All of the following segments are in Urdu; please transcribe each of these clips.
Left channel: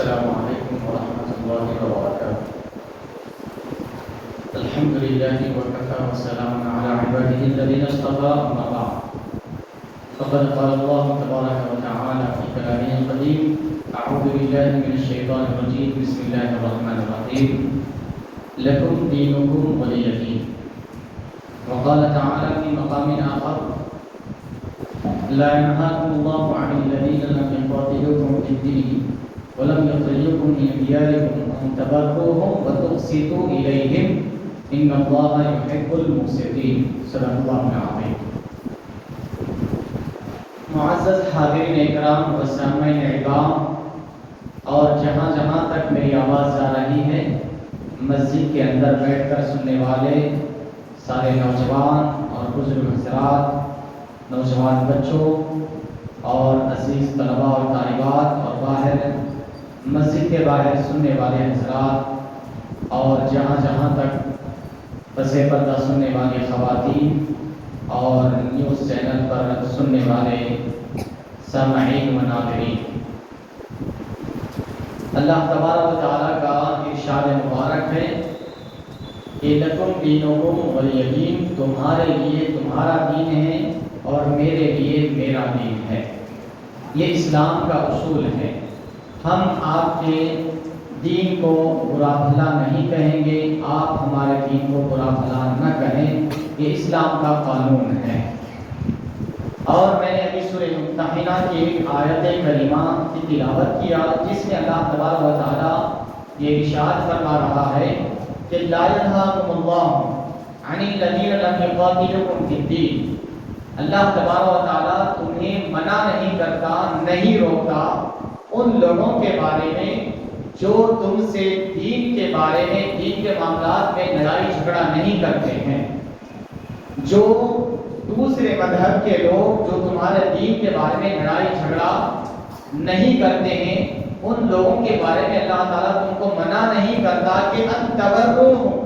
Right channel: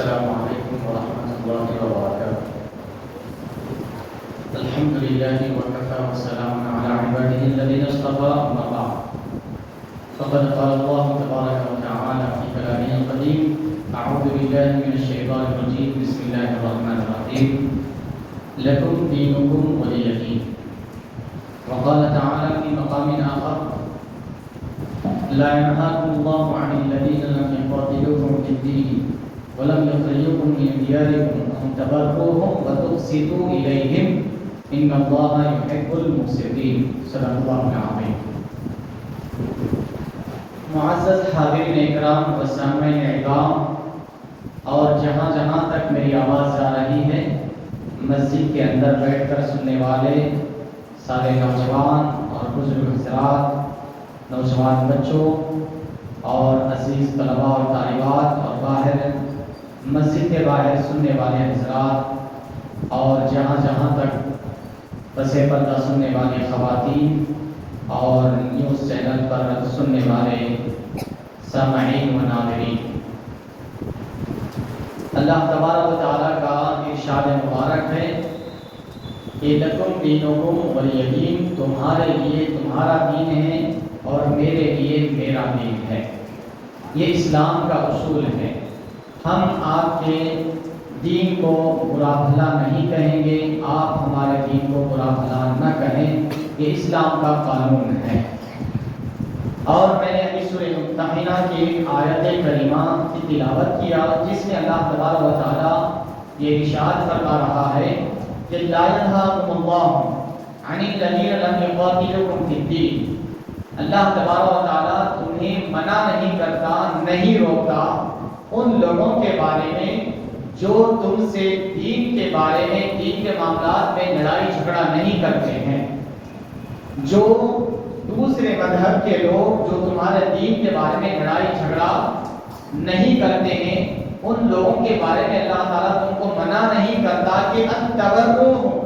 السلام علیکم ورحمۃ اللہ وبرکاتہ۔ الحمد للہ وکفى والسلام علی عباده الذین اصطفى، اما بعد فقد قال الله تبارك وتعالى في كلامه القديم: اعوذ بالله من الشیطان الرجیم، بسم اللہ الرحمن الرحیم، لکم دینکم ولی دین۔ وقال تعالى في مقام آخر: لا ينهاكم الله عن الذين لم يقاتلوكم في الدين ولم يخرجوكم من دياركم أن تبروهم وتقسطوا إليهم إن الله يحب المقسطين۔ صدق الله العظيم۔ معزز حاضرین اکرام و سامعین اعظام، اور جہاں جہاں تک میری آواز جا رہی ہے، مسجد کے اندر بیٹھ کر سننے والے سارے نوجوان اور بزرگ حضرات، نوجوان بچوں اور عزیز طلباء اور طالبات، اور باہر مسجد کے باہر سننے والے حضرات، اور جہاں جہاں تک پس پردہ سننے والی خواتین اور نیوز چینل پر سننے والے سامعین و ناظرین، اللہ تبارک و تعالیٰ کا ارشاد مبارک ہے کہ لکم دینکم ولی دین، تمہارے لیے تمہارا دین ہے اور میرے لیے میرا دین ہے۔ یہ اسلام کا اصول ہے۔ ہم آپ کے دین کو برا بھلا نہیں کہیں گے، آپ ہمارے دین کو برا بھلا نہ کہیں، یہ اسلام کا قانون ہے۔ اور میں نے ابھی سورہ ممتحنہ کی آیت کریمہ کی تلاوت کیا، جس میں اللہ تبارک و تعالیٰ یہ ارشاد فرما رہا ہے کہ لا ينهاكم الله عن الذين لم يقاتلوكم في الدين۔ اللہ تبارک و تعالیٰ تمہیں منع نہیں کرتا، نہیں روکتا ان لوگوں کے بارے میں جو تم سے دین کے بارے میں، دین کے معاملات میں لڑائی جھگڑا نہیں کرتے ہیں۔ جو دوسرے مذہب کے لوگ جو تمہارے دین کے بارے میں لڑائی جھگڑا نہیں کرتے ہیں، ان لوگوں کے بارے میں اللہ تعالیٰ تم کو منع نہیں کرتا کہ ان تبروہم،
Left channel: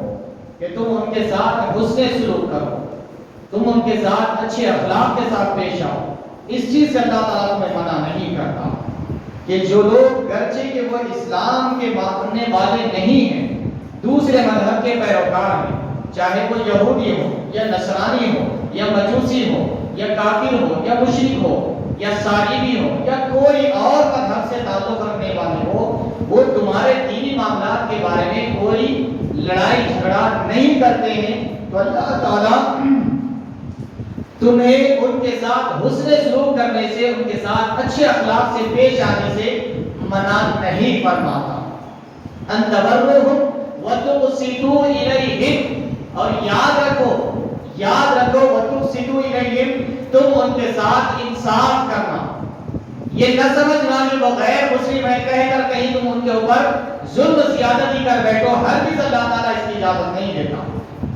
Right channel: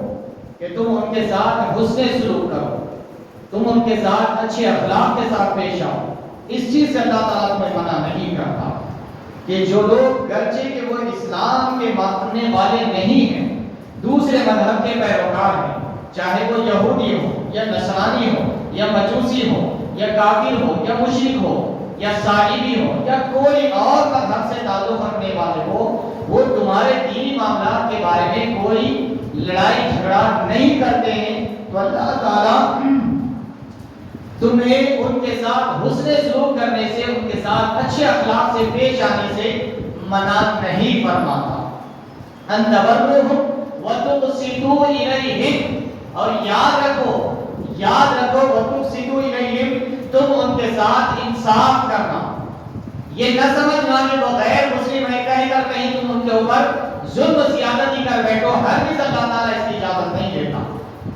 کہ تم ان کے ساتھ حسن سلوک کرو، تم ان کے ساتھ اچھے اخلاق کے ساتھ پیش آؤ۔ اس چیز سے اللہ تعالیٰ تمہیں منع نہیں کرتا کہ جو لوگ گرچہ کہ وہ اسلام کے ماننے والے نہیں ہیں، دوسرے مذہب کے پیروکار ہیں، چاہے وہ یہودی ہو یا نصرانی ہو یا مجوسی ہو یا کافر ہو یا مشرک ہو یا صلیبی ہو یا کوئی اور مذہب سے تعلق رکھنے والے ہو، وہ تمہارے دینی معاملات کے بارے میں کوئی لڑائی جھگڑا نہیں کرتے ہیں، تو اللہ تعالیٰ تمہیں ان کے ساتھ حسن سلوک کرنے سے، ان کے ساتھ اچھے اخلاق سے پیش آنے سے منع نہیں فرماتا۔ ان تبروہم وتقسطوا الیہم، اور یاد رکھو وتقسطوا الیہم، تم ان کے ساتھ انصاف کرنا۔ یہ نہ سمجھنا کہ وہ غیر مسلم ہے کہہ کر کہیں تم ان کے اوپر ظلم زیادتی کر بیٹھو، ہرگز اللہ تعالیٰ اس کی اجازت نہیں دیتا۔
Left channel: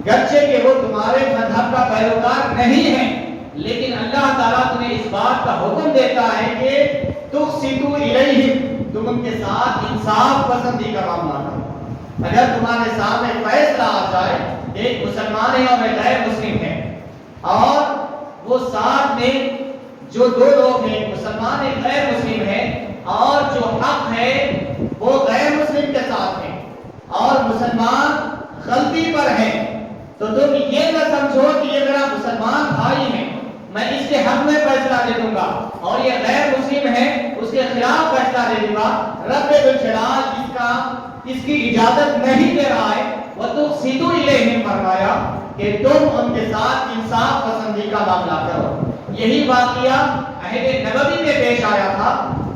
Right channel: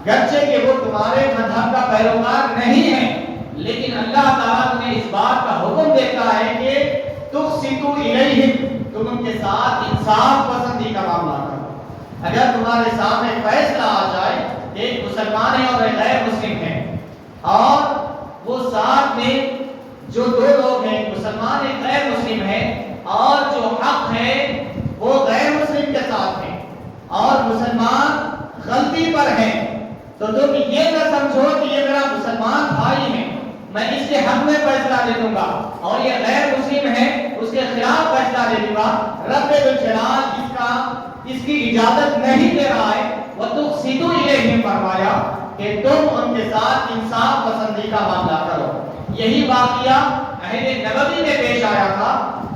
گرچہ کہ وہ تمہارے مذہب کا پیروکار نہیں ہے، لیکن اللہ تعالیٰ تمہیں اس بات کا حکم دیتا ہے کہ تقسطوا الیہم، تم ان کے ساتھ انصاف پسندی کا معاملہ کرو۔ اگر تمہارے سامنے فیصلہ آ جائے، ایک مسلمان ہے اور ایک غیر مسلم ہے، اور وہ ساتھ میں جو دو لوگ ہیں، مسلمان ایک غیر مسلم ہے، اور جو حق ہے وہ غیر مسلم کے ساتھ ہے، اور مسلمان غلطی پر ہے، تو تم یہ نہ سمجھو کہ یہ میرا مسلمان بھائی ہے، میں اس کے حق میں فیصلہ دے دوں گا، اور یہ غیر مسلم ہے اس کے خلاف فیصلہ دے دوں گا۔ رب الجلال اس کی اجازت نہیں دے رہا ہے۔ وتقسطوا الیہم فرمایا کہ تم ان کے ساتھ انصاف پسندی کا معاملہ کرو۔ یہی واقعہ عہد نبوی میں پیش آیا تھا۔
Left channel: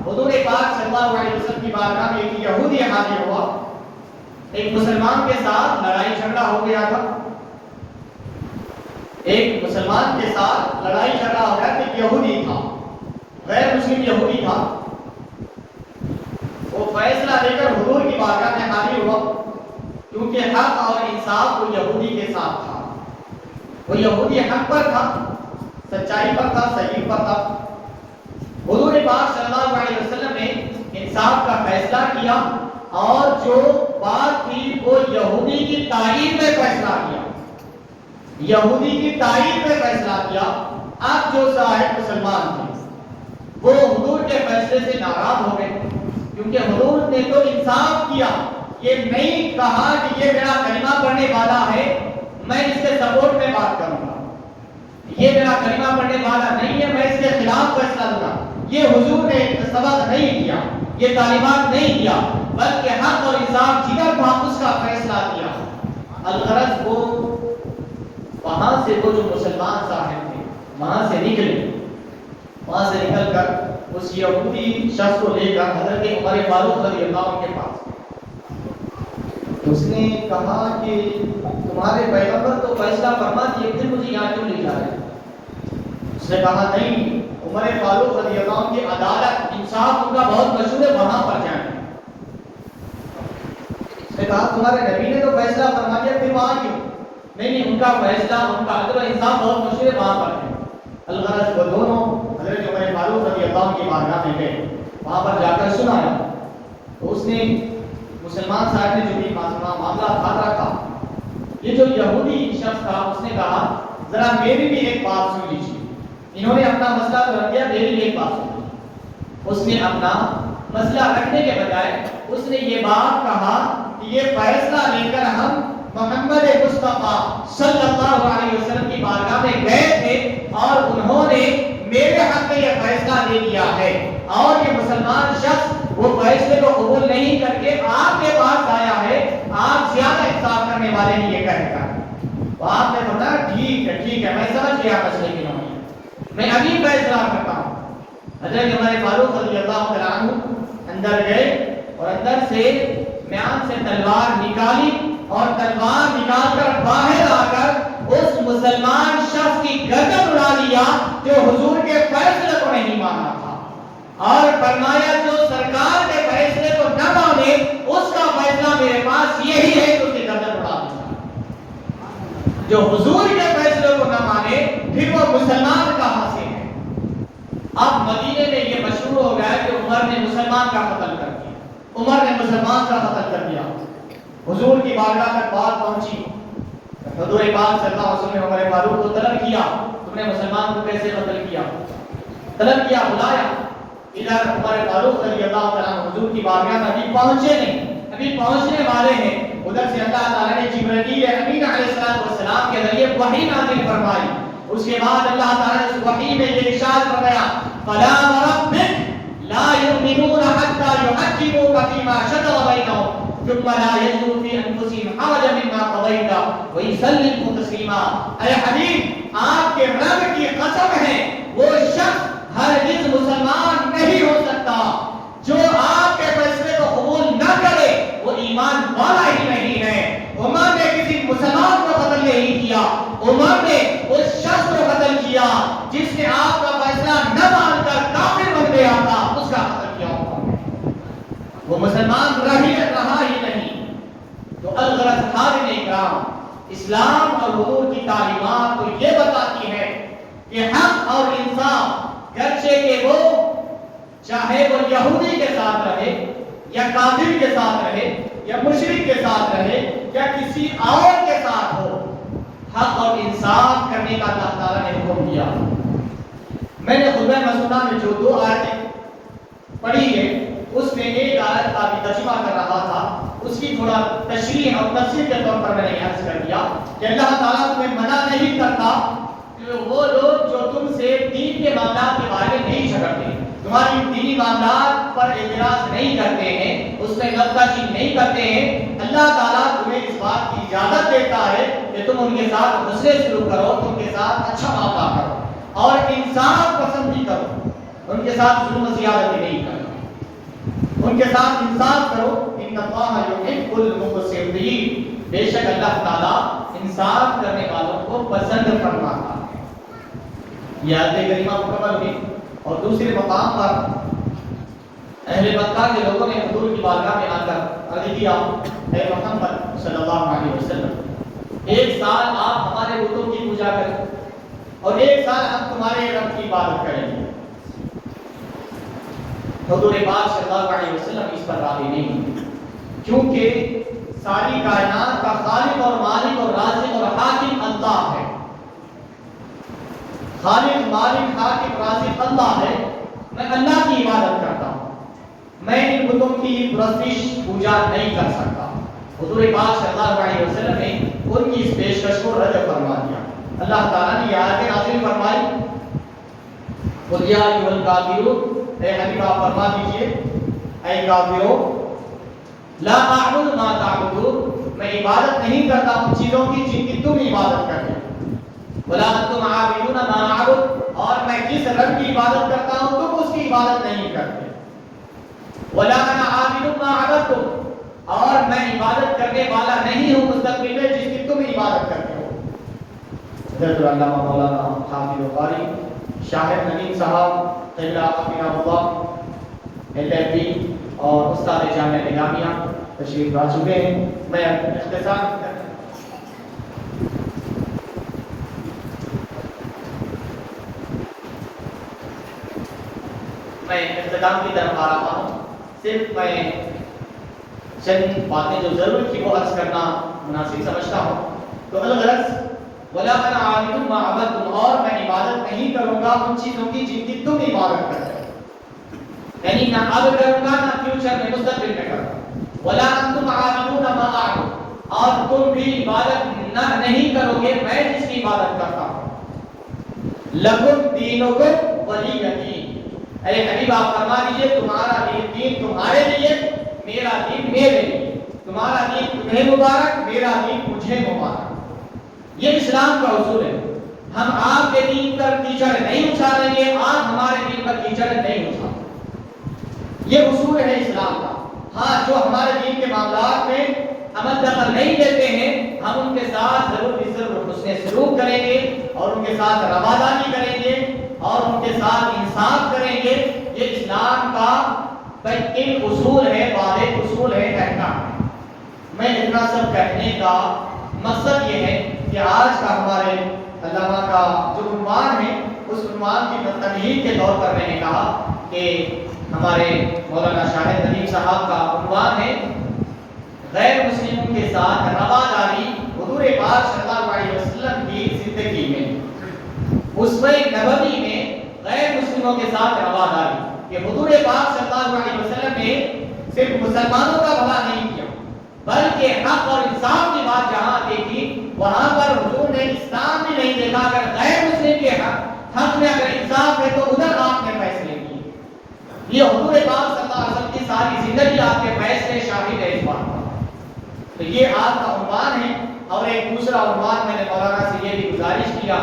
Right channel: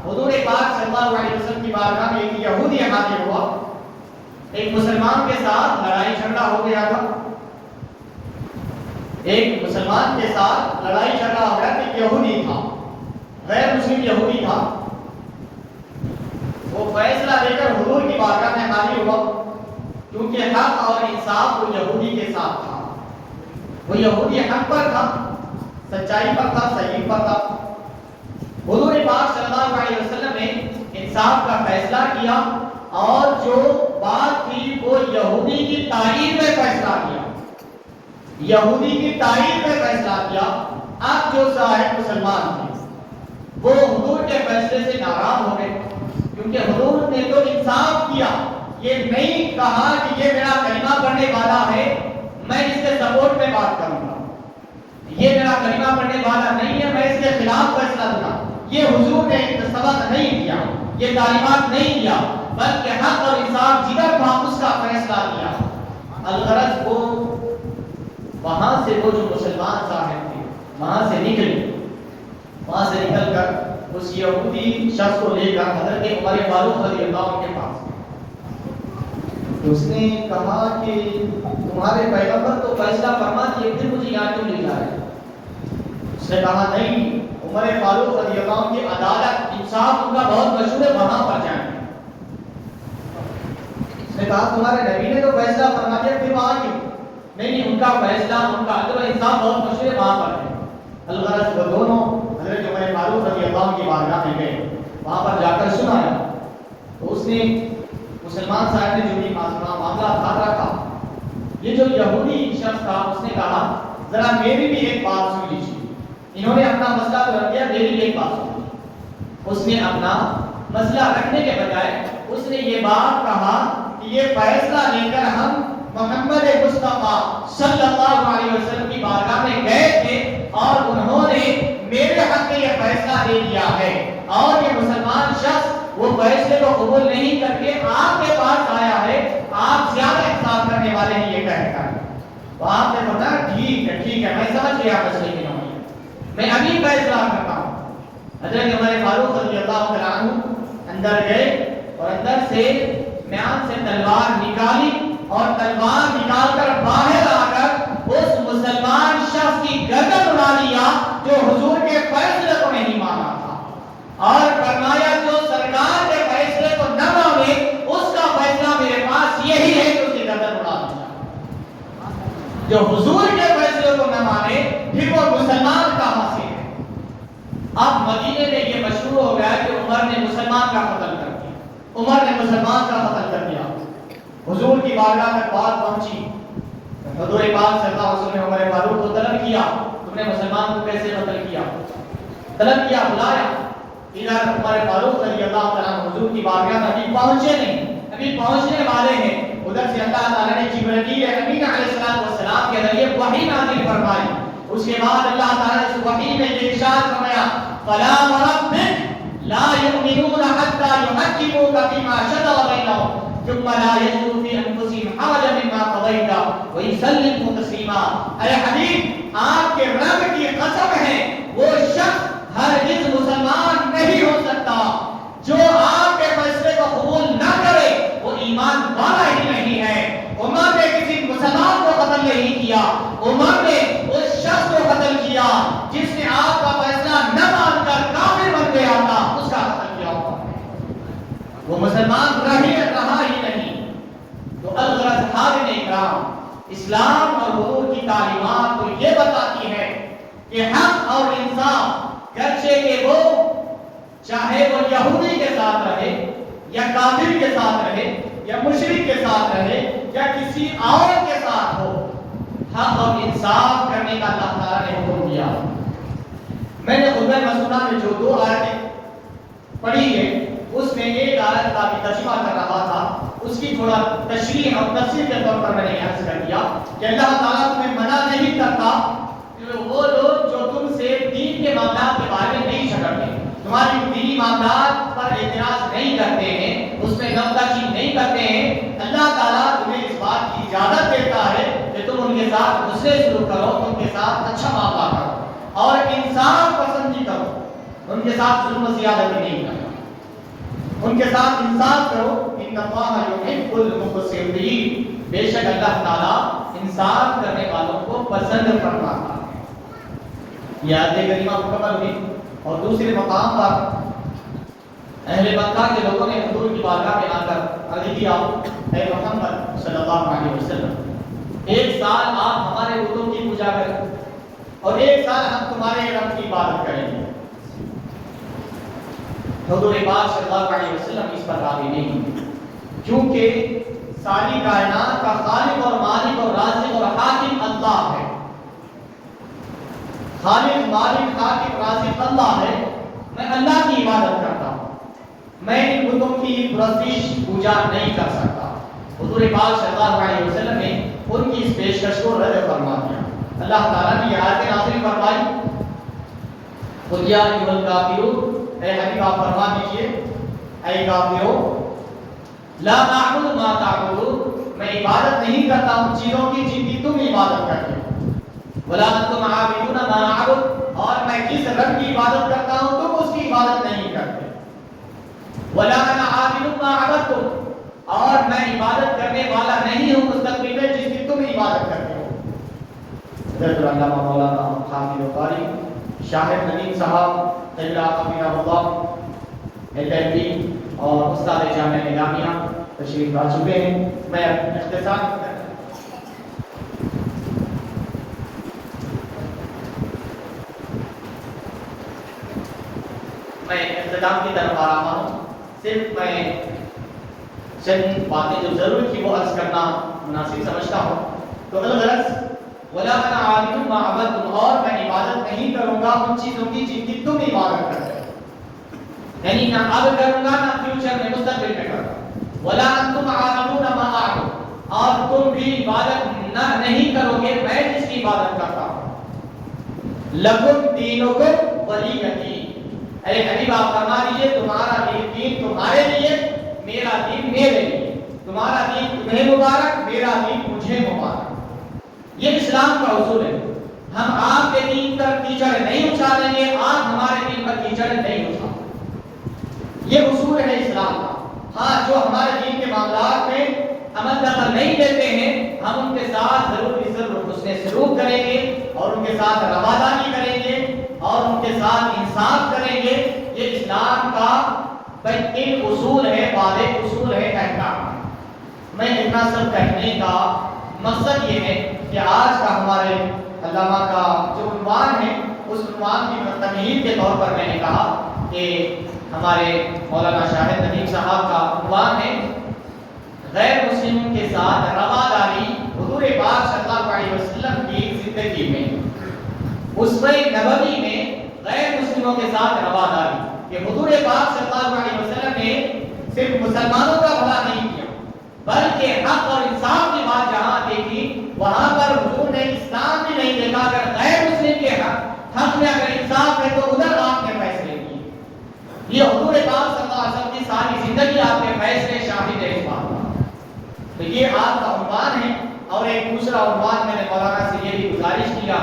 حضور پاک صلی اللہ علیہ وسلم کی بارگاہ میں ایک یہودی حاضر ہوا، ایک مسلمان کے ساتھ لڑائی جھگڑا ہو گیا تھا، ایک مسلمان کے ساتھ لڑائی جھگڑا ہو گیا کہ یہودی تھا، غیر مسلم یہودی تھا۔ وہ فیصلہ لے کر حضور کی بارگاہ میں حاضر ہوا، کیونکہ حق اور انصاف وہ یہودی کے ساتھ تھا، وہ یہودی حق پر تھا، سچائی پر تھا، صحیح پر تھا۔ حضور پاک صلی اللہ علیہ وسلم نے انصاف کا فیصلہ کیا، اور جو بات تھی وہ یہودی کی تائید میں فیصلہ کیا، یہودی کی تائید میں فیصلہ کیا۔ اب جو صاحب مسلمان تھے وہ حضور کے فیصلے سے ناراض ہو گئے، کیونکہ حضور نے تو انصاف کیا، یہ نہیں کہا کہ یہ میرا کلمہ پڑھنے والا ہے میں اس کے سپورٹ میں بات کروں گا، یہ میرا کلمہ پڑھنے والا نہیں ہے میں اس کے خلاف فیصلہ دوں گا. یہ حضور نے سبق نہیں دیا، یہ تعلیمات نہیں دیا، بلکہ حق اور انصاف جدھر تھا اس کا فیصلہ دیا. الغرض وہ وہاں سے وہ جو مسلمان صاحب تھے وہاں سے نکل کر اس یہودی شخص کو لے کر حضرت عمر فاروق رضی اللہ عنہ کے پاس. اس نے کہا کہ تمہارے پیغمبر تو فیصلہ فرما دیے پھر مجھے یہاں کیوں نہیں جا رہے؟ اس نے کہا نہیں، عمر فاروق رضی اللہ عنہ کی عدالت انصاف ان کا بہت مشہور ہے، وہاں پر جائیں. اس نے کہا تمہارے نبی نے تو فیصلہ فرما دیا پھر وہاں کیوں؟ نہیں، ان کا فیصلہ ان کا عدل و انصاف بہت مشہور ہے، وہاں پر ہے. الغرض وہ دونوں حضرت عمر فاروق رضی اللہ عنہ کی بارگاہ میں گئے، وہاں پر جا کر سنا. تو اس نے مسلمان صاحب نے جو بھی معاملہ تھا رکھا. یہ جو یہودی شخص تھا اس نے کہا ذرا میری بھی ایک بات سن لیجیے. انہوں نے اپنا مسئلہ تو رکھ دیا، میری بھی ایک بات سن لیجیے. اس نے اپنا مسئلہ رکھنے کے بجائے اس نے یہ بات کہا کہ یہ فیصلہ لے کر ہم محمد مصطفیٰ صلی اللہ علیہ وسلم کی بارگاہ میں گئے تھے اور انہوں نے میرے حق میں یہ فیصلہ دے دیا ہے، اور یہ مسلمان شخص وہ فیصلے کو قبول نہیں کر کے آپ کے پاس آیا ہے، آپ زیادہ انصاف کرنے والے ہیں یہ کہہ کر. تو آپ نے بتایا ٹھیک ہے میں سمجھ گیا مسئلے کی نوعیت، میں ابھی فیصلہ کرتا ہوں. حضرت عمر فاروق رضی اللہ عنہ اندر گئے اور اندر سے میان سے تلوار نکالی اور تلوار نکال کر باہر آ کر اس مسلمان شخص کی گردن اڑا دیا جو حضور کے فیصلے کو نہیں مانا تھا، اور فرمایا جو سرکار کے فیصلے کو نہ مانے اس کا فیصلہ میرے پاس یہی ہے کہ اس کی گردن اڑا دیا. جو حضور کے فیصلے کو نہ مانے پھر وہ مسلمان کہاں سے ہے؟ اب مدینے میں یہ مشہور ہو گیا کہ عمر نے مسلمان کا قتل کر دیا، عمر نے مسلمان کا قتل کر دیا. حضور کی بارگاہ میں بات پہنچی، حضور پاک صلی اللہ علیہ وسلم نے عمر فاروق کو طلب کیا تم نے مسلمان کو کیسے قتل کیا؟ طلب کیا، بلایا. ادھر عمر فاروق رضی اللہ تعالیٰ حضور کی بارگاہ میں ابھی پہنچے نہیں، ابھی پہنچنے والے ہیں. ادھر سے اللہ تعالیٰ نے جبرائیل امین علیہ السلام کے ذریعے وحی نازل فرمائی. اس کے بعد اللہ تعالیٰ نے وحی میں یہ ارشاد فرمایا فلا وربک لا یؤمنون حتی یحکموک فیما شجر بینہم ثم لا یجدوا فی انفسہم حرجا مما قضیت ویسلموا تسلیما. اے حبیب آپ کے رب کی قسم ہے وہ شخص ہرگز مسلمان نہیں ہو سکتا جو آپ کے فیصلے کو قبول نہ کرے وہ ایمان والا ہی نہیں ہے. عمر نے کسی مسلمان کو قتل نہیں کیا، عمر نے اس شخص کو قتل کیا جس نے آپ کا فیصلہ نہ مان کر کافر بن گیا تھا، اس کا قتل کیا وہ مسلمان رہا ہی نہیں. تو الغرض حاضرین اکرام، اسلام اور حضور کی تعلیمات تو یہ بتاتی ہے کہ حق اور انصاف گرچہ کہ وہ چاہے وہ یہودی کے ساتھ رہے یا کافر کے ساتھ رہے یا مشرک کے ساتھ رہے یا کسی اور کے ساتھ ہو، حق اور انصاف کرنے کا اللہ تعالیٰ نے حکم دیا. میں نے خطبہ مسعودہ میں جو 2 آیتیں پڑھی ہے اس میں ایک آیت کا بھی ترجمہ کر رہا تھا، اس کی تھوڑا تشریح اور تفسیر کے طور پر میں نے عرض کر دیا کہ اللہ تعالیٰ تمہیں منع نہیں کرتا کہ وہ لوگ جو تم سے دین کے معاملات کے بارے میں نہیں جھگڑتے، تمہاری دینی معاملات پر اعتراض نہیں کرتے ہیں، اس میں نقطہ چینی نہیں کرتے ہیں. اللہ تعالیٰ تمہیں اس بات کی اجازت دیتا ہے کہ تم ان کے ساتھ حسن سلوک کرو، تم کے ساتھ اچھا معاملہ کرو اور انصاف پسندی کرو، ان کے ساتھ ظلم و زیادتی نہیں کرو، ان کے ساتھ انصاف کرو. ان اللہ یحب المقسطین، بے شک اللہ تعالیٰ انصاف کرنے والوں کو پسند فرماتا ہے. یہ آیت کریمہ مکمل ہوئی اور دوسرے مقام پر اہل مکہ کے لوگوں نے حضور کی بارگاہ میں آ کر عرض کیا اے محمد صلی اللہ علیہ وسلم 1 سال آپ ہمارے بتوں کی پوجا کریں اور 1 سال ہم تمہارے رب کی عبادت کریں گے. حضور پاک صلی اللہ علیہ وسلم اس پر راضی نہیں ہوئے کیونکہ ساری کائنات کا خالق اور مالک اور رازق اور حاکم اللہ ہے. خالق مالک حاکم رازق اللہ ہے، میں اللہ کی عبادت کرتا ہوں. میں ان بتوں کی پرستش پوجا نہیں کر سکتا۔ حضور پاک صلی اللہ علیہ وسلم نے ان کی اس پیشکش کو رد فرما دیا۔ اللہ تعالیٰ نے یہ آیت نازل فرمائی، قل یا ایھا الکافرون، اے حبیب آپ فرما دیجئے اے کافروں، لا اعبد ما تعبدون، میں عبادت نہیں کرتا ان چیزوں کی جن کی تم عبادت کرتے ہو، ولا انتم عابدون ما اعبد، اور میں جس رب کی عبادت کرتا ہوں تم اس کی عبادت نہیں کرتے، ولا انا عابد ما عبدتم، اور میں عبادت کرنے والا نہیں ہوں مستقبل میں جس کی تم عبادت کرتے ہو۔ حضرت علامہ مولانا حافظ قاری شاہد ندیم صاحب طیب حفظہ اللہ LLB اور استاد جامعہ نظامیہ تشریف لا چکے ہیں۔ میں اختصار اختتام کی طرف آ رہا ہوں۔ صرف میں چند باتیں جو ضرور تھی وہ عرض کرنا مناسب سمجھتا ہوں۔ تو الغرض وَلَا أَنَا عَابِدٌ مَا عَبَدتُّمْ، اور میں عبادت نہیں کروں گا ان چیزوں کی جن کی تم عبادت کرتے ہو، یعنی نہ اب کروں گا نہ فیوچر میں مستقبل میں کروں گا۔ وَلَا أَنتُمْ عَابِدُونَ مَا أَعْبُدُ، اور تم بھی عبادت نہیں کرو گے میں جس کی عبادت کرتا ہوں۔ لَكُمْ دِينُكُمْ وَلِيَّ دِينِ، اے حبیب آپ فرما دیجئے تمہارا دین تمہارے لیے، میرا دین میرے لیے، تمہارا دین تمہیں مبارک، میرا دین مجھے مبارک۔ یہ اسلام کا اصول ہے۔ ہم آپ کے دین پر کیچڑ نہیں اچھالیں گے، آپ ہمارے دین پر کیچڑ نہیں اچھالیں، یہ اصول ہے اسلام کا۔ ہاں، جو ہمارے دین کے معاملات میں ہم دخل نہیں دیتے ہیں ہم ان کے ساتھ ضرور حسن سلوک کریں گے اور ان کے ساتھ رواداری کریں گے اور ان کے ساتھ انصاف کریں گے۔ یہ اسلام کا ایک اصول ہے، واضح اصول ہے، احکام۔ میں اتنا سب کہنے کا مقصد یہ ہے کہ آج کا ہمارے علامہ کا جو عنوان ہے اس عنوان کی تمہید کے طور پر میں نے کہا کہ ہمارے مولانا شاہد ندیم صاحب کا عنوان ہے غیر مسلم کے ساتھ رواداری حضور پاک صلی اللہ علیہ وسلم کی زندگی میں، اسوہ نبوی میں غیر مسلموں کے ساتھ رواداری۔ کہ حضور پاک صلی اللہ علیہ وسلم نے صرف مسلمانوں کا بھلا نہیں کیا بلکہ حق اور انصاف کی بات جہاں دیکھی وہاں پر حضور نے اسلام بھی نہیں دیکھا، اگر غیر مسلم کے حق میں اگر انصاف ہے تو ادھر آپ نے فیصلے کیے۔ یہ حضور پاک صلی اللہ علیہ وسلم کی ساری زندگی آپ کے فیصلے شاہد ہے اس بات کا۔ تو یہ آپ کا عنوان ہے۔ اور ایک دوسرا عنوان میں نے مولانا سے یہ بھی گزارش کیا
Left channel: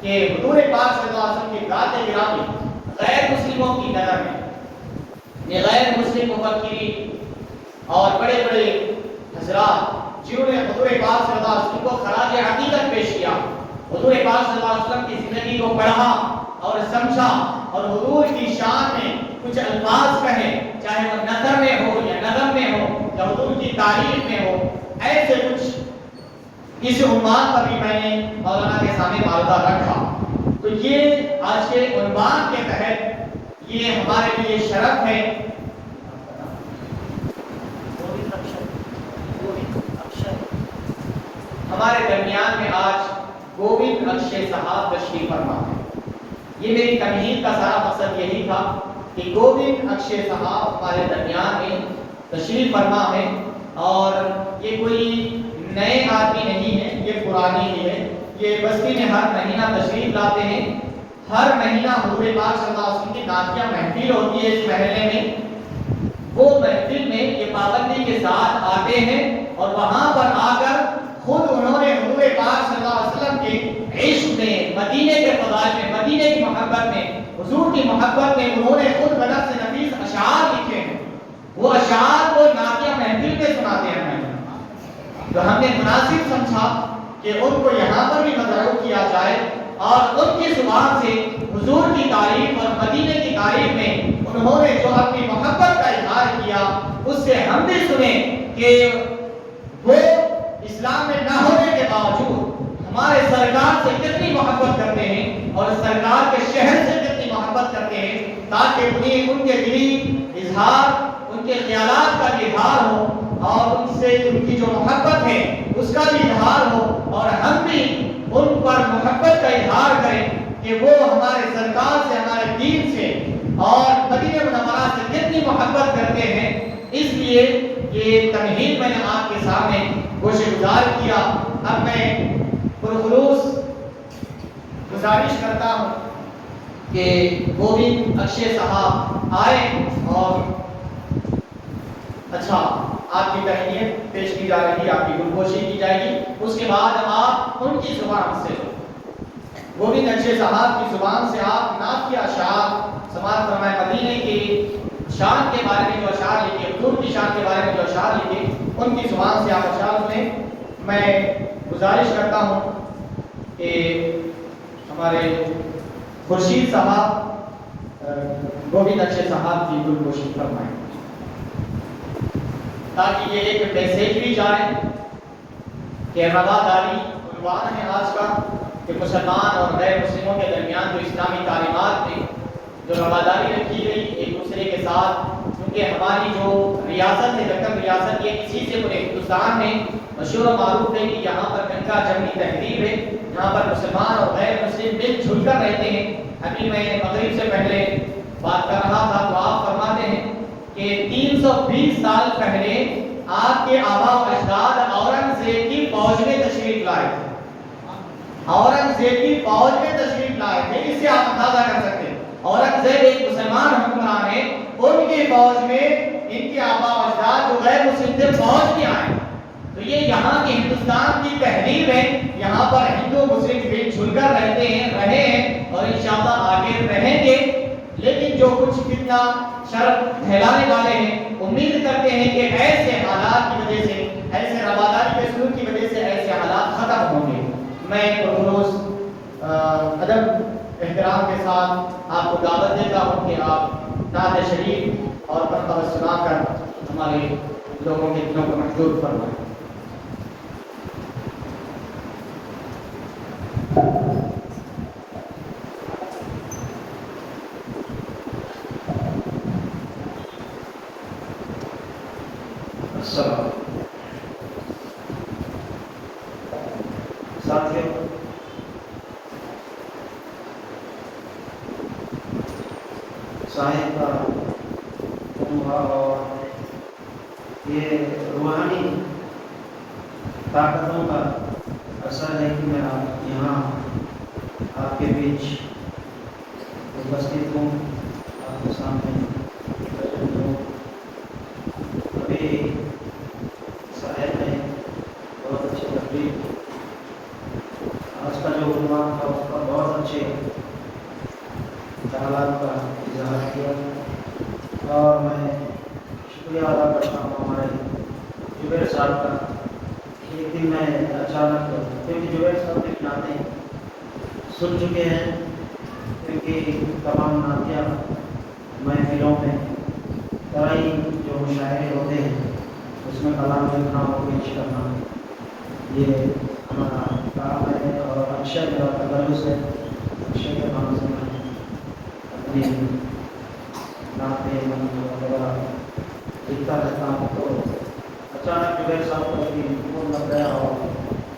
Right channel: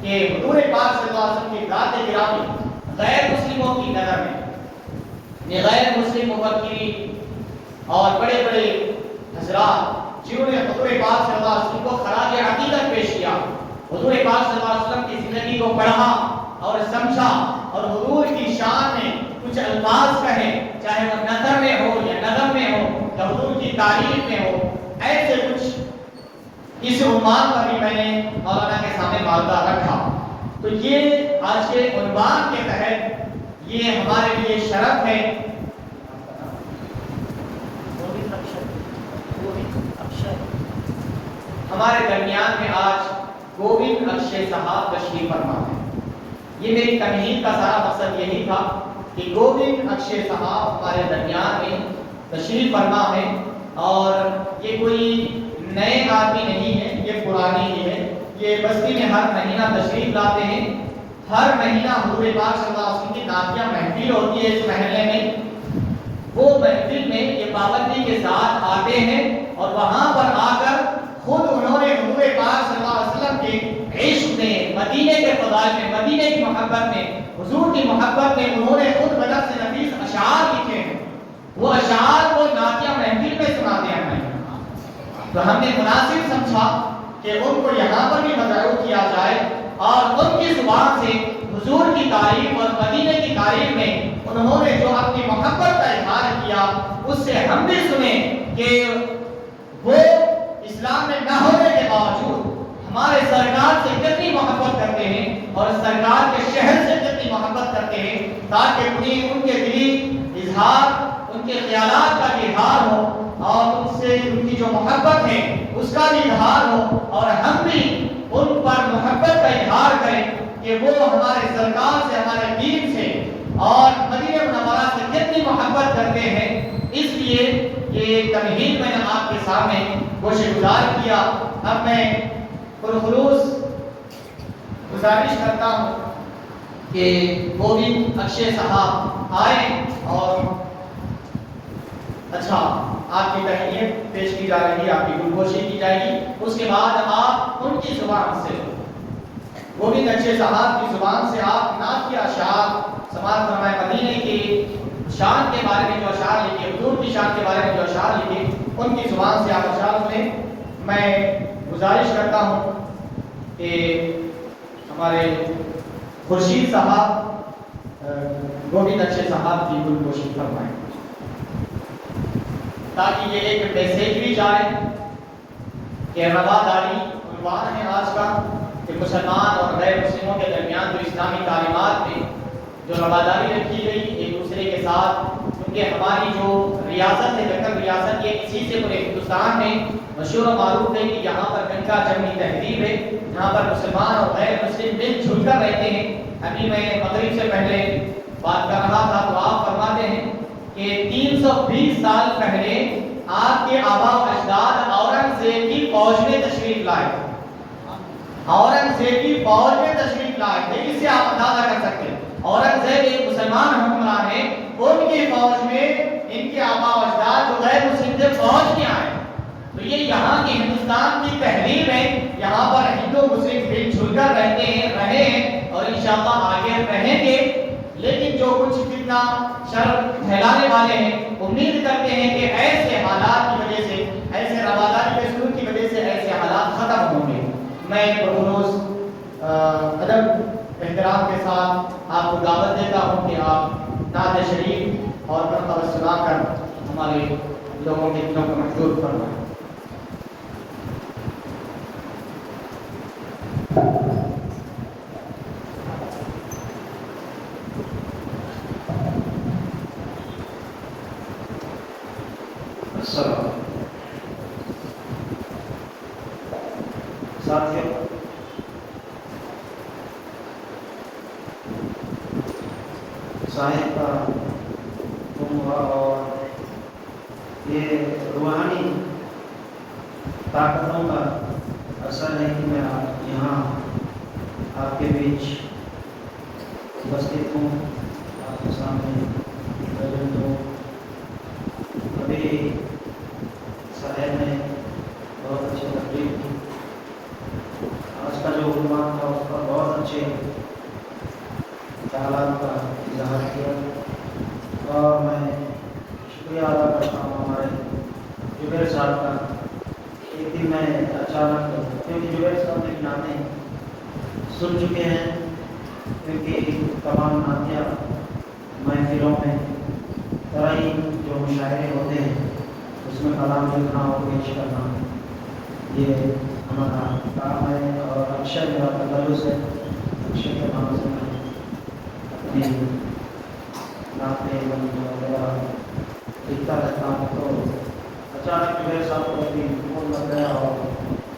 کہ حضور پاک صلی اللہ علیہ وسلم کی ذات گرامی غیر مسلموں کی نظر میں یہ غیر مسلم مفکرین اور بڑے بڑے حضرات جنہوں نے حضور پاک صلی اللہ علیہ وسلم کو خراج عقیدت پیش کیا، حضور پاک صلی اللہ علیہ وسلم کی زندگی کو پڑھا اور سمجھا اور حضور کی شان میں کچھ الفاظ کہے، چاہے وہ نثر میں ہو یا نظم میں ہو یا حضور کی تعریف میں ہو، ایسے کچھ اس عنوان پر بھی میں نے مولانا کے سامنے معاہدہ رکھا۔ تو یہ آج کے عنوان کے تحت یہ ہمارے لیے شرف ہے۔ ہمارے درمیان میں آج گووند اکشے صاحب تشریف فرما ہے۔ یہ میری تمہید کا سارا مقصد یہی تھا کہ گووند اکشے صاحب ہمارے درمیان میں تشریف فرما ہے اور یہ کوئی نئے آدمی نہیں ہے، یہ پرانے ہی ہے۔ یہ بستی میں ہر مہینہ تشریف لاتے ہیں، ہر مہینہ حضور پاک صلی اللہ علیہ وسلم کی نعتیہ محفل ہوتی ہے اس محلے میں، وہ محفل میں یہ پابندی کے ساتھ آتے ہیں اور وہاں پر آ کر خود انہوں نے حضور پاک صلی اللہ علیہ وسلم کے عشق میں، مدینے کے فضائل میں، مدینے کی محبت میں، حضور کی محبت میں انہوں نے خود قدر سے نفیس اشعار لکھے ہیں۔ وہ اشعار کو نعتیہ محفل میں سناتے ہیں ہمیں۔ تو ہم نے مناسب سمجھا کہ ان کو یہاں پر بھی مدعو کیا جائے اور ان کی زبان سے حضور کی تعریف اور مدینے کی تعریف میں انہوں نے جو اپنی محبت کا اظہار کیا اس سے ہم بھی سنیں کہ وہ اسلام میں نہ ہونے کے باوجود ہمارے سرکار سے کتنی محبت کرتے ہیں اور سرکار کے شہر سے کتنی محبت کرتے ہیں، تاکہ ان کے دلی اظہار، ان کے خیالات کا اظہار ہو اور ان سے ان کی جو محبت ہے اس کا بھی اظہار ہو اور ہم بھی ان پر محبت کا اظہار کریں کہ وہ ہمارے سرکار سے، ہمارے دین سے اور مدینہ منورہ سے کتنی محبت محبت کرتے ہیں. اس لیے یہ تمہید میں نے آپ کے سامنے گوشہ گزار کیا. اب میں پرخلوص گزارش کرتا ہوں کہ گوبند اکشے صاحب آئیں اور اچھا آپ کی تحریر پیش کی جا رہی ہے، آپ کی گلگوشی کی جائے گی. اس کے بعد آپ ان کی زبان سے گوبند اکشے صاحب کی زبان سے آپ نعت اشعار سماعت فرمائیں. مدینے کی شان کے بارے میں جو اشعار لکھے، حضور کی شان کے بارے میں جو اشعار لکھے، ان کی زبان سے آپ اشعار سنیں. میں گزارش کرتا ہوں کہ ہمارے خورشید صاحب گوبند اکشے صاحب کی گلگوشی فرمائیں تاکہ یہ ایک میسیج بھی جائے کہ رواداری عنوان ہے آج کا، کہ مسلمان اور غیر مسلموں کے درمیان جو اسلامی تعلیمات میں جو رواداری رکھی گئی ایک دوسرے کے ساتھ، کیونکہ ہماری جو ریاست ہے دکن ریاست، یہ اسی سے پورے ہندوستان میں مشہور و معروف ہے کہ یہاں پر گنگا جمنی تہذیب ہے، یہاں پر مسلمان اور غیر مسلم مل جل کر رہتے ہیں. ابھی میں مغرب سے پہلے بات کر رہا تھا تو آپ فرماتے ہیں کہ 320 سال پہلے آپ کے آبا و اجداد اورنگزیب کی فوج میں تشریف لائے تھے. اورنگزیب کی فوج میں تشریف لائے تھے. اس سے آپ اندازہ کر سکتے ہیں اورنگزیب ایک مسلمان حکمران ہے، ان کی فوج میں ان کے آبا و اجداد جو غیر مسلم تھے فوج میں آئے. تو یہ یہاں کی ہندوستان کی تہذیب ہے. یہاں پر ہندو مسلم مل جل کر رہتے ہیں، رہے ہیں اور انشاءاللہ آگے رہیں گے. لیکن جو کچھ کتنا شر پھیلانے والے ہیں، امید کرتے ہیں کہ ایسے حالات کی وجہ سے، ایسے رواداری کے سلوک کی وجہ سے ایسے حالات ختم ہوں گے. میں پرخلوص ادب احترام کے ساتھ آپ کو دعوت دیتا ہوں کہ آپ نعت شریف اور مرتبہ سنا کر ہمارے لوگوں کے دلوں کو محظوظ فرمائیں. صاحب کا اور یہ روحانی طاقتوں کا اثر ہے کہ میں یہاں آپ کے بیچ اپستھت ہوں، آپ کے سامنے موجود ہوں. ابھی صاحب نے بہت اچھی تقریر کی. آج کا جو عنوان تھا اس پر بہت اچھے خیالات کا اظہار کیا اور میں شکریہ ادا کرتا ہوں ہمارے جبیر صاحب کا. ایک دن میں اچانک، کیونکہ جبیر صاحب کی نعتیں سن چکے ہیں، کیونکہ تمام نعتیہ محفلوں میں طرح جو مشاعرے ہوتے ہیں اس میں کلام لکھنا اور پیش کرنا یہ ہمارا کام ہے. اور اکثر میرا تجلس ہے، اکثر کے نام سے میں اپنی نعتیں وغیرہ لکھتا رہتا ہوں. تو اچانک جبیر صاحب کو بھی فون لگ گیا اور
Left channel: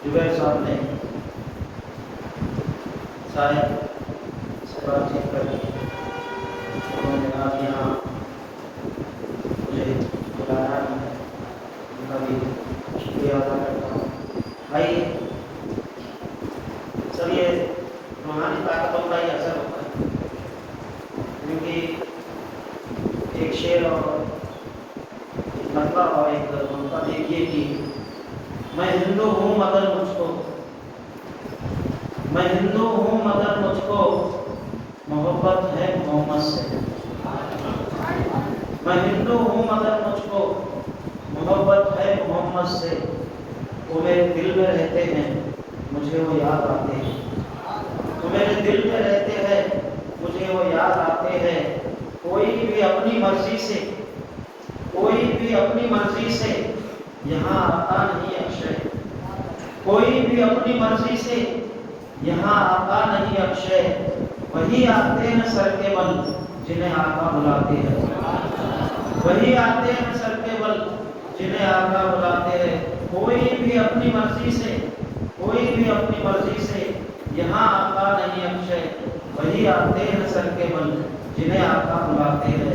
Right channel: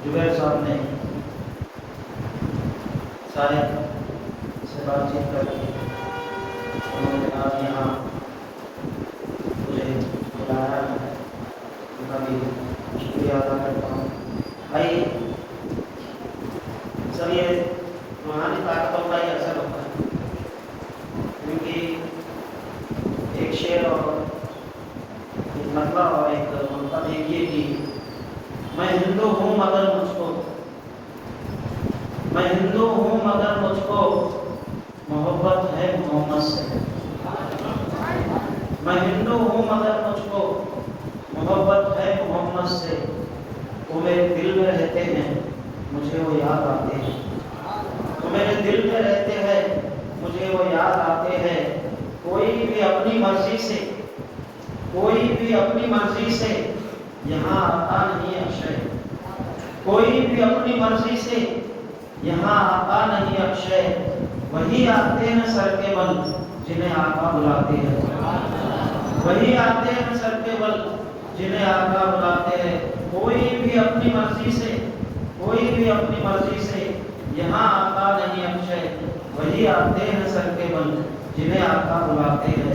جبیر صاحب نے سارے سے بات چیت کر کے انہوں نے کہا کہ ہاں مجھے بلایا ہے، ان کا بھی شکریہ ادا کرتا ہوں. بھائی سر یہ روحانی طاقتوں کا ہی اثر ہوتا ہے، کیونکہ ایک شعر اور ایک نقلہ اور ایک مطلب یہ کہ میں ہندو ہوں مگر مجھ کو، میں ہندو ہوں مگر مجھ کو محبت ہے محمد سے. میں ہندو ہوں مگر مجھ کو محبت ہے محمد سے. وہ میرے دل میں رہتے ہیں مجھے وہ یاد آتے ہیں. وہ میرے دل میں رہتے ہیں مجھے وہ یاد آتے ہیں. کوئی بھی اپنی مرضی سے، کوئی بھی اپنی مرضی سے یہاں آتا نہیں اکشے. کوئی بھی اپنی مرضی سے یہاں آتا نہیں اکشے. وہی آتے ہیں سر کے بل جنہیں آقا بلاتے ہیں. وہی آتے ہیں سر کے بل جنہیں آقا بلاتے ہیں. کوئی بھی اپنی مرضی سے، کوئی بھی اپنی مرضی سے یہاں آتا نہیں اکشے. وہی آتے ہیں سر کے بل جنہیں آقا بلاتے ہیں.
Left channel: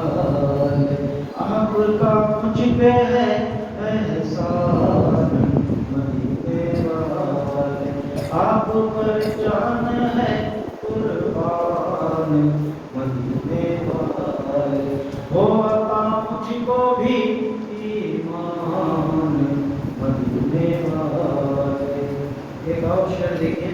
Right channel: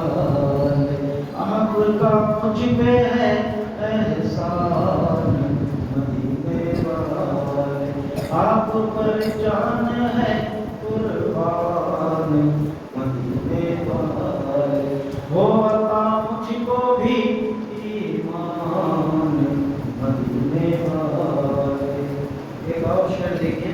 آپ کا مجھ پہ ہے احسان مدینے والے، آپ پر جان ہے قربان مدینے والے، ہو عطا مجھ کو بھی ایمان مدینے والے۔ ایک اور شعر دیکھیں،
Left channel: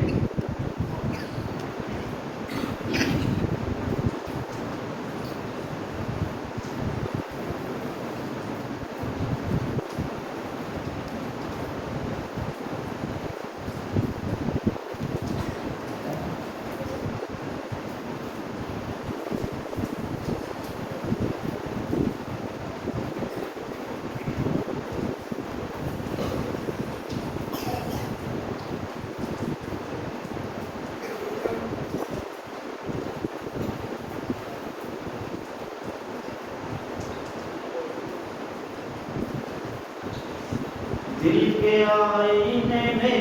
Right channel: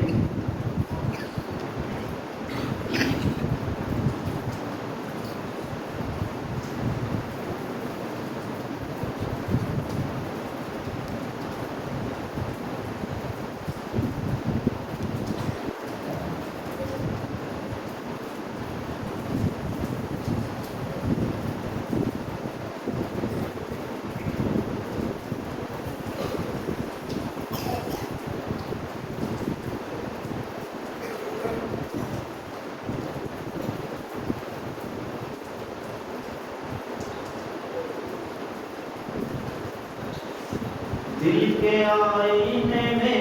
دل کے آئینے میں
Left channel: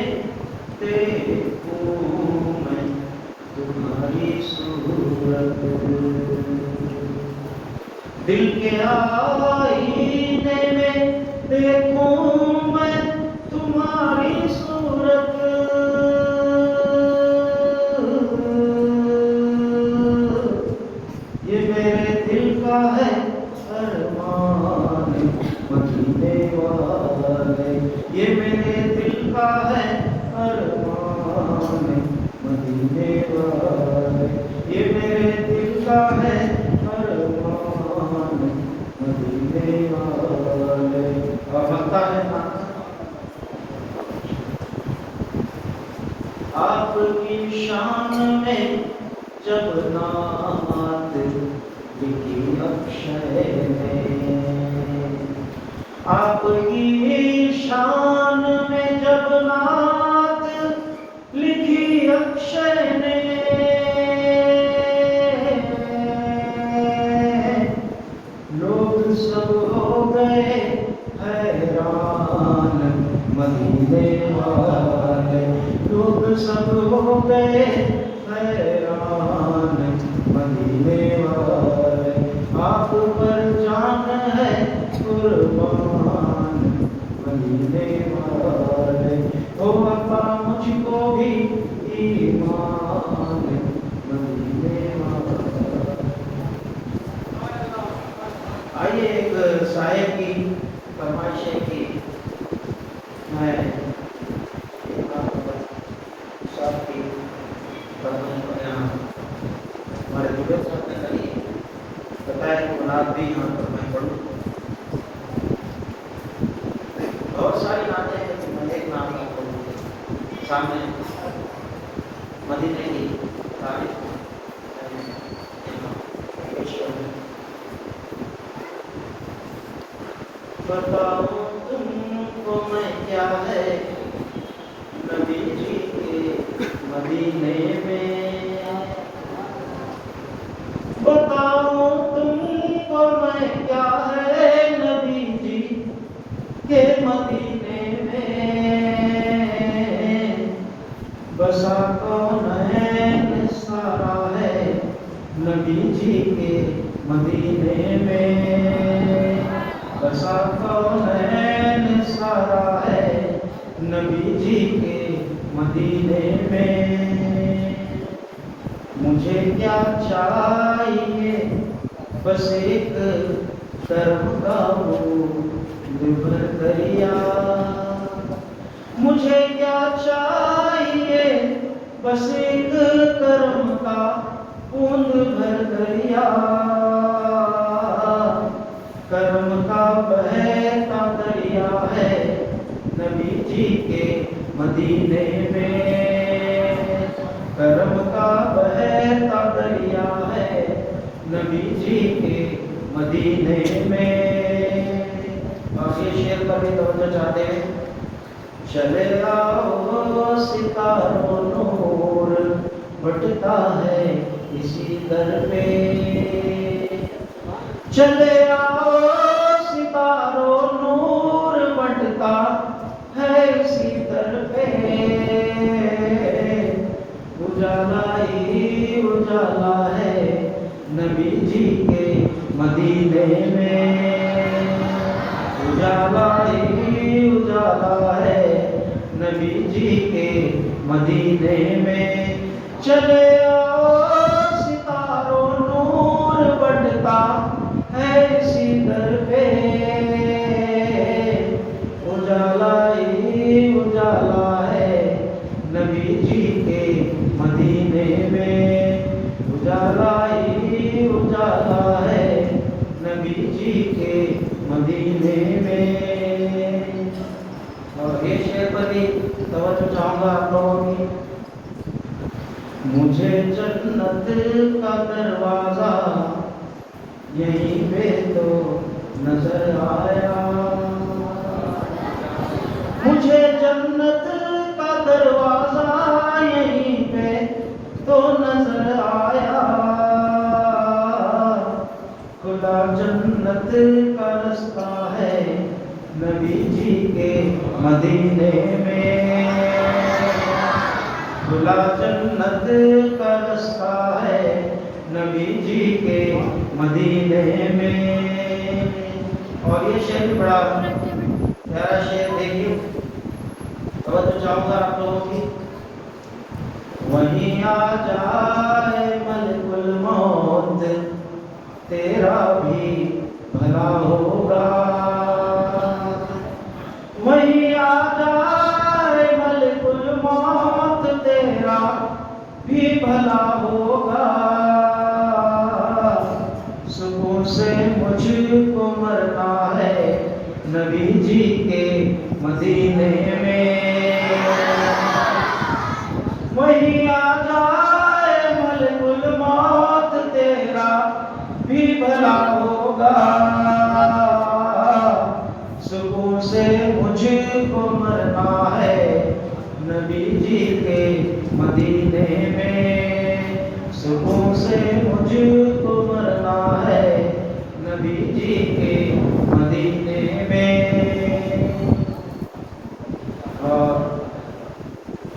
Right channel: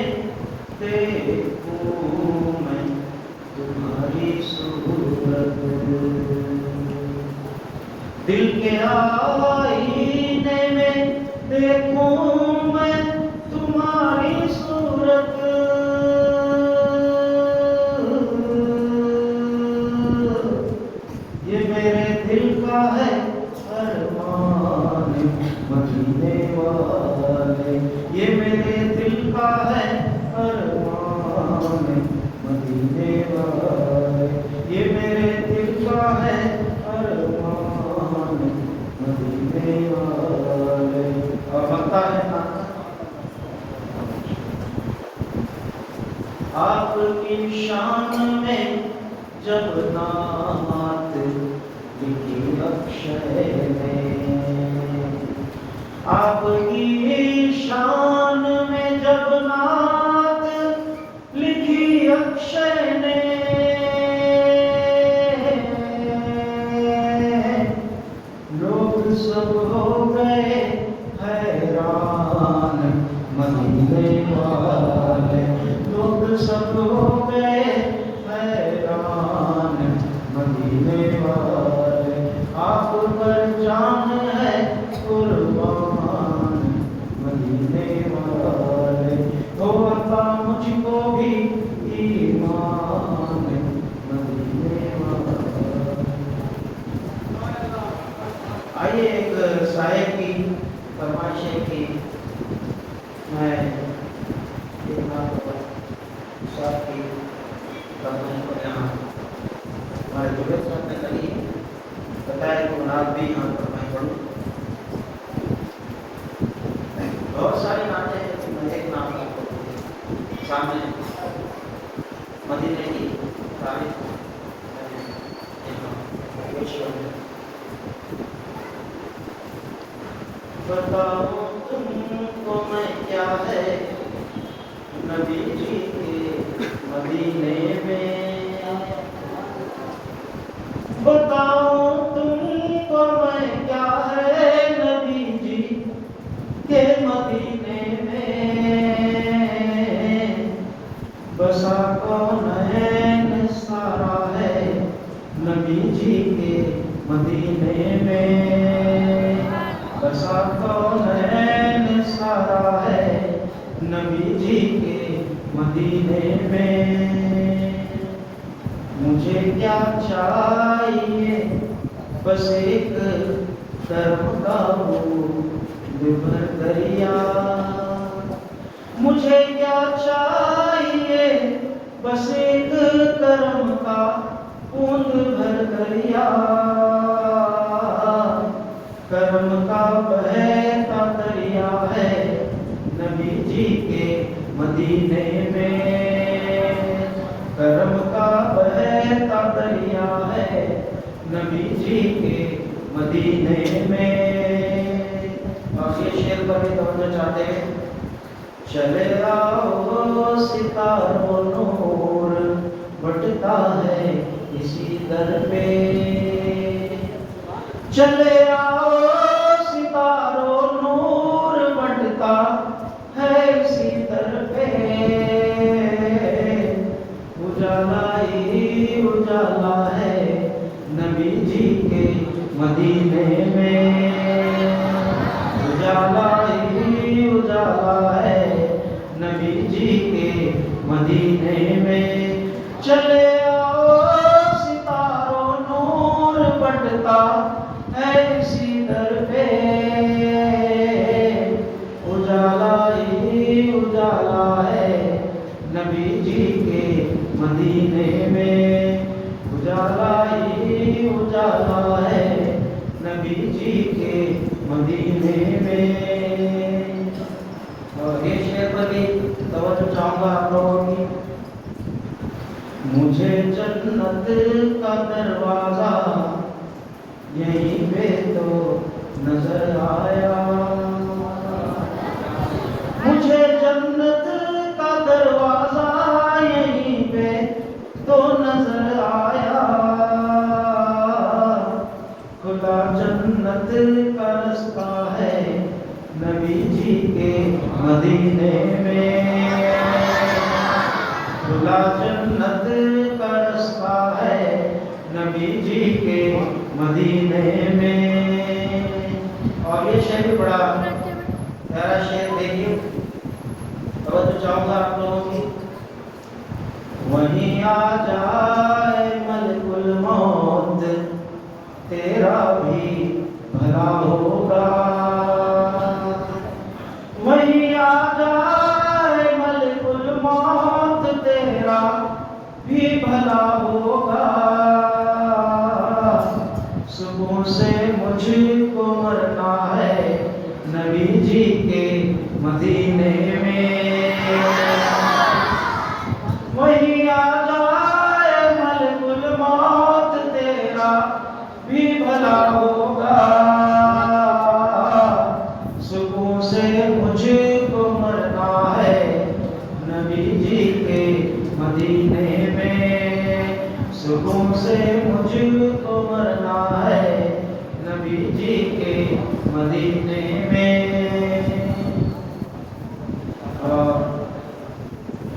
دیکھوں میں تمہاری صورت، دل کے آئینے میں دیکھوں میں تمہاری صورت، یہ میرے دل کا ہے ارمان مدینے والے، یہ میرے دل کا ہے ارمان مدینے والے، یہ میرے دل کا ہے ارمان مدینے والے۔ اور بنتا ہے آپ کی شان میں جب نعت لکھی اکشر میں، آپ کی شان میں جب نعت لکھی اکشر نے، لوگ سب ہو گئے حیران مدینے والے، لوگ سب ہو گئے حیران مدینے والے، آپ پر جان ہے قربان مدینے والے، ہو عطا مجھ کو بھی ایمان مدینے والے۔ آئیے ایک صاحب کی فرمائش ہے کہ میں صاحب کی ہمارے بزرگ صاحب نے کہی بتایا کہ نعت بھی یہاں پر میں پڑھوں، بہت ساری نعتیں ہیں لیکن میں ایک نعت آپ کو سامنے مدینے کی تاریخ پیش کروں۔ بتاؤ تم کو میں کیا ہے نبی جی کے مدینے میں، بتاؤ تم کو میں کیا ہے نبی جی کے مدینے میں، بسا کون ہے سارا ہے نبی جی کے مدینے میں، بسا کون ہے سارا ہے نبی جی کے مدینے میں، مجھے کیا چاہیے بس ایک طرف کا بھر دریا، مجھے کیا چاہیے بس ایک کرم کا پھول بھر دریا، کرم کا بہتا دریا ہے نبی جی کے مدینے میں، کرم کا بہتا دریا ہے نبی جی کے مدینے میں۔ اور یہ شعر پر بھی توجہ چاہتے ہیں، چلے آؤ ستاروں نور بٹتا ہے اسی در پہ، چلے آؤ ستاروں نور بٹتا ہے اسی در پہ، اجالا ہی اجالا ہے نبی جی کے مدینے مدینے میں اجالا ہی اجالا ہے نبی جی کے مدینے میں چلے آؤ ستاروں نور بڑھتا ہے اسی در پہ اجالا ہی اجالا ہے نبی جی کے مدینے میں اجالا ہی اجالا ہے نبی جی کے مدینے میں. اور یہ شعر پر بھی توجہ چاہوں گا آپ لوگوں کی. مجھے جنت کا دروازہ یہیں پہ تو نظر آیا مجھے جنت کا دروازہ یہیں پہ تو نظر آیا خدا جنت کا رستہ ہے نبی جی کے مدینے میں خدا جنت کا رستہ ہے نبی جی کے مدینے میں. اور یہ شعر بھی بڑا پیارا شعر دیکھیے توجہ چاہوں گا آپ لوگوں کی. وہیں آ جائے ملک الموت تیرا بھی بھلا ہوگا وہیں آ جائے ملک الموت تیرا بھی بھلا ہوگا سکون سے مجھ کو مرنا ہے نبی جی کے مدینے میں وہیں آ جائے ملک الموت تیرا بھی بھلا ہوگا سکون سے مجھ کو مرنا ہے نبی جی کے مدینے میں سکون سے مجھ کو مرنا ہے نبی جی کے مدینے میں. اور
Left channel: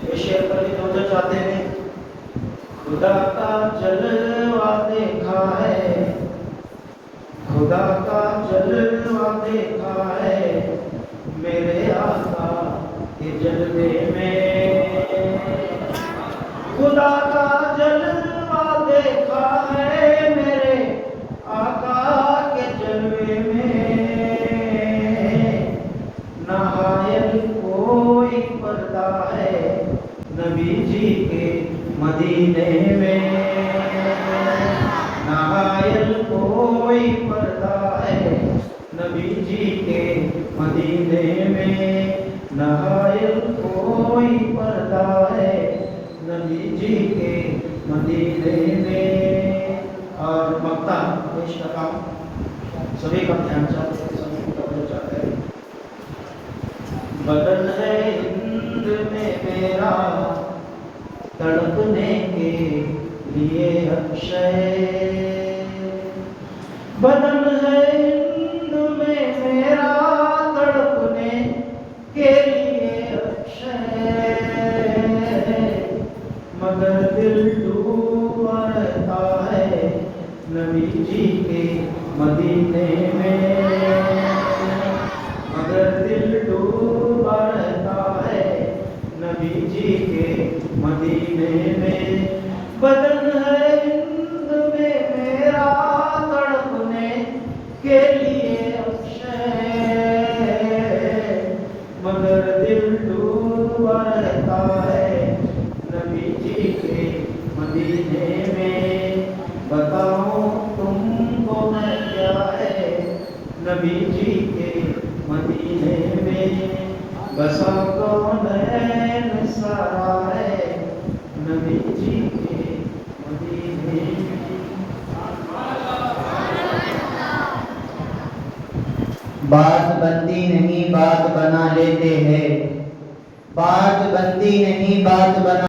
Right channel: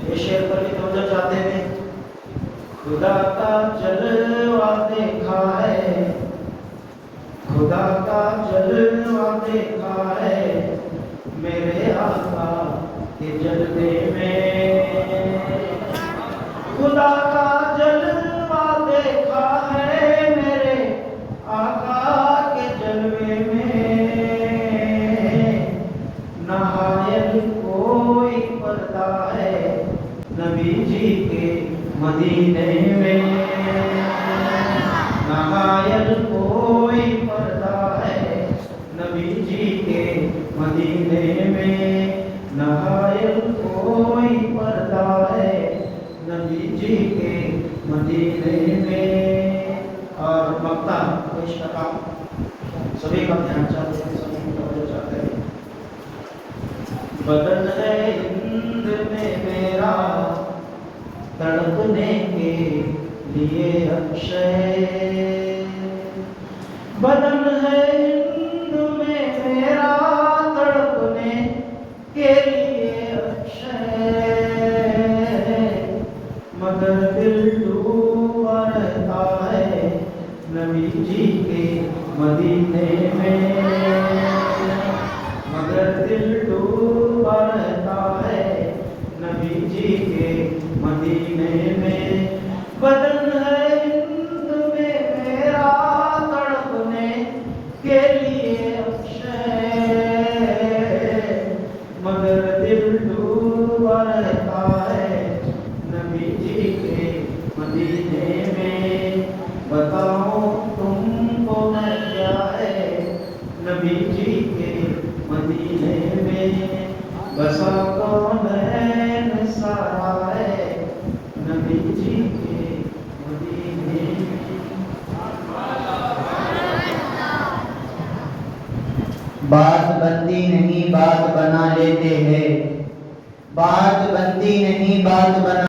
یہ شعر پر بھی توجہ چاہتے ہیں. خدا کا جلوہ دیکھا ہے خدا کا جلوہ دیکھا ہے میرے آقا کے جلوے میں خدا کا جلوہ دیکھا ہے میرے آقا کے جلوے میں نہایت کوئی پردہ ہے نبی جی کے مدینے میں نہایت کوئی پردہ ہے نبی جی کے مدینے میں نہایت کوئی پردہ ہے نبی جی کے مدینے میں. اور مقطع پیش کرتا ہوں سبھی کا دھیان چاہتے ہیں سبھی توجہ چاہتے ہیں. بدن ہے ہند میں میرا تڑپنے کے لیے اکشے بدن ہے ہند میں میرا تڑپنے کے لیے اکشے مگر دل ڈوبا رہتا ہے نبی جی کے مدینے میں مگر دل ڈوبا رہتا ہے نبی جی کے مدینے میں بدن ہے ہند میں میرا تڑپنے کے لیے اکشے مگر دل ڈوبا رہتا ہے نبی جی کے مدینے میں. بتاؤ تم کو نہ کیا ہے نبی جی کے مدینے میں بسا کون ہے سارا ہے نبی جی کے مدینے میں. بات بنتی نہیں بات بنا لیتے ہیں بات بنتی نہیں بات بنا